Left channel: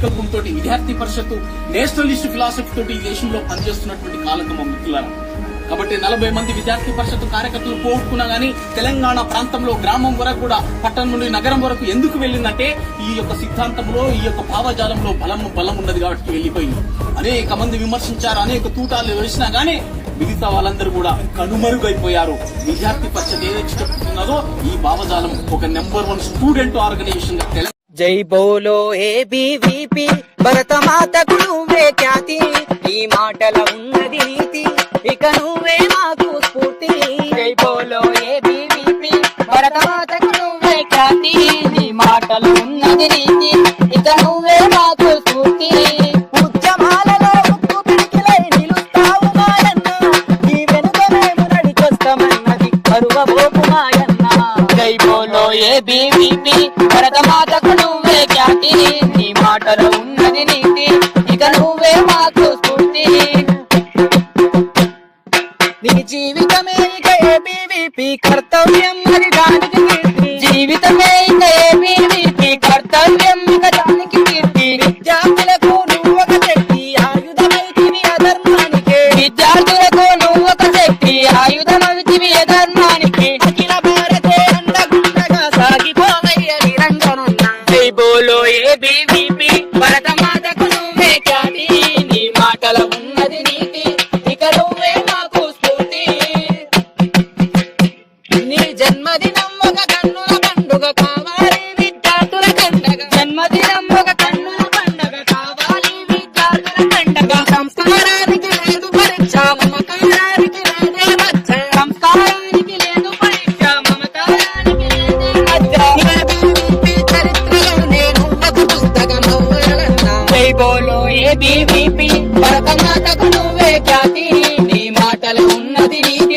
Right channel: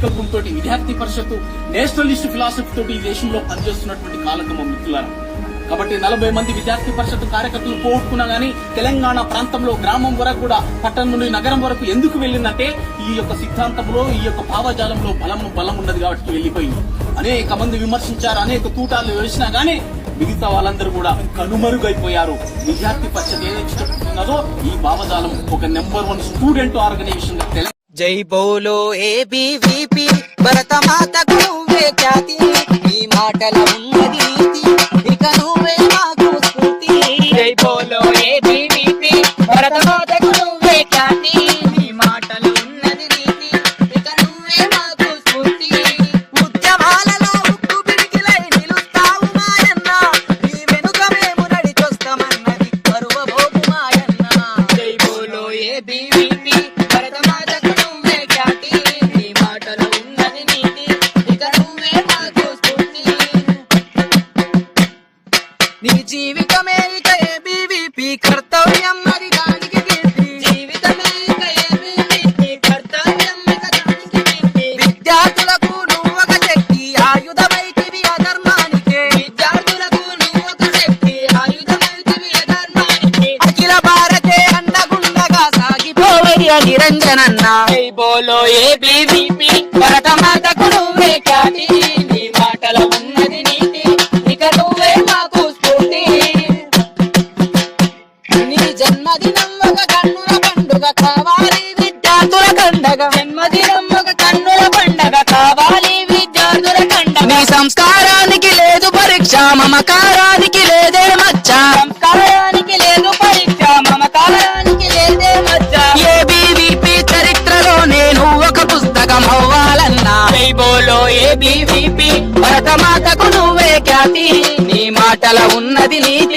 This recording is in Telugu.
సంకల్పంతో విద్యార్థి పరిషత్తు నేషనలిస్ట్ ఫిలాసఫీ తోటి ఈ దేశంలో పనిచేస్తున్నటువంటి కాలకమ్మ మిత్రులారా. కాబట్టి 40 మంది విద్యార్థి పరిషత్తు కార్యకర్తలు పోగొట్టుకున్నా గానీ తెలంగాణ ప్రాంతంలో గ్రామం వరకు కూడా పట్టణం నుండి నగరం వరకు ఎందుకు వెళ్ళిందంటే ఈ యొక్క సిద్ధాంతంలో ఈ యొక్క భావజాలంలో బలం ఉన్నది కాబట్టి వెళ్ళిపోయింది. అనేక మంది విమర్శించారు, అనేక తూటాలు వేసినా గానీ మిగతా వాళ్ళందరూ కూడా కనుమరుగైపోయారు. విద్యార్థి పరిషత్ ఏదైతే చెప్తున్నదో ఈ భావజాలం ఒక నెంబర్ 1 స్టూడెంట్ ఆర్గనైజేషన్ గా జై బోలో ఏబీవీపీ భరతమాతకు నువ్వే ఖ్యాతి, ఈ మాటల ఉన్నది నీతి, ఇక నువ్వే మాకు స్ఫూర్తి. జై బోలో ఏబీవీపీ భరతమాతకు నువ్వే ఖ్యాతి, ఈ మాటల ఉన్నది నీతి, ఇక నువ్వే మాకు స్ఫూర్తి. ఉద్యమాలలో ఉక్కు పిడికిలై నిలుస్తావు మాయన్న, నీ వెనుక మేము నడిచొస్తామన్నది కరువబోపు మాయన్న. జై బోలో ఏబీవీపీ భరతమాతకు నువ్వే ఖ్యాతి, నీ మాటలో ఉన్నది నీతి, ఇక నువ్వే మాకు స్ఫూర్తి. నీ జీవితమే ఇక ఏబీవీపీ కర్తవ్యం మరి దానికి కీర్తి, జీవితమే ఇక ఏబీవీపీ కర్తవ్యం ఇక దానికి కీర్తి. విద్యార్థులకు నువ్వొక శక్తి ఆయుధమైతివి అధర్మానికే, విద్యార్థులకు నువ్వొక శక్తి ఆయుధమైతివి అధర్మానికే. అఖిల భారతే అండగుండగా సాగిపోవయ్య నిరంజనన్న. జై బోలో ఏబీవీపీ భరతమాతకు నువ్వే ఖ్యాతి, నీ మాటల ఉన్నది నీతి, ఇక నువ్వే మాకు స్ఫూర్తి. నీ జన్మదినం ఒక కన్నుల పండుగ కావాలి విద్యార్థుల కండగ, జన్మదినం ఒక కన్నుల పండుగ కావాలి విద్యార్థుల కండగ. నీ సంస్కారానికి లేదు పరీక్ష, మమకారానికి లేదే మచ్చ, సంస్కారానికి లేదు పరీక్ష, మమకారానికి లేదే మచ్చ. ఏబీవీపీ చరిత్రలో నేను ఒక పుస్తకం అవ్వాలన్నా. జై బోలో ఏబీవీపీ భరతమాతకు నువ్వే ఖ్యాతి, నీ మాటల ఉన్నది నీతి,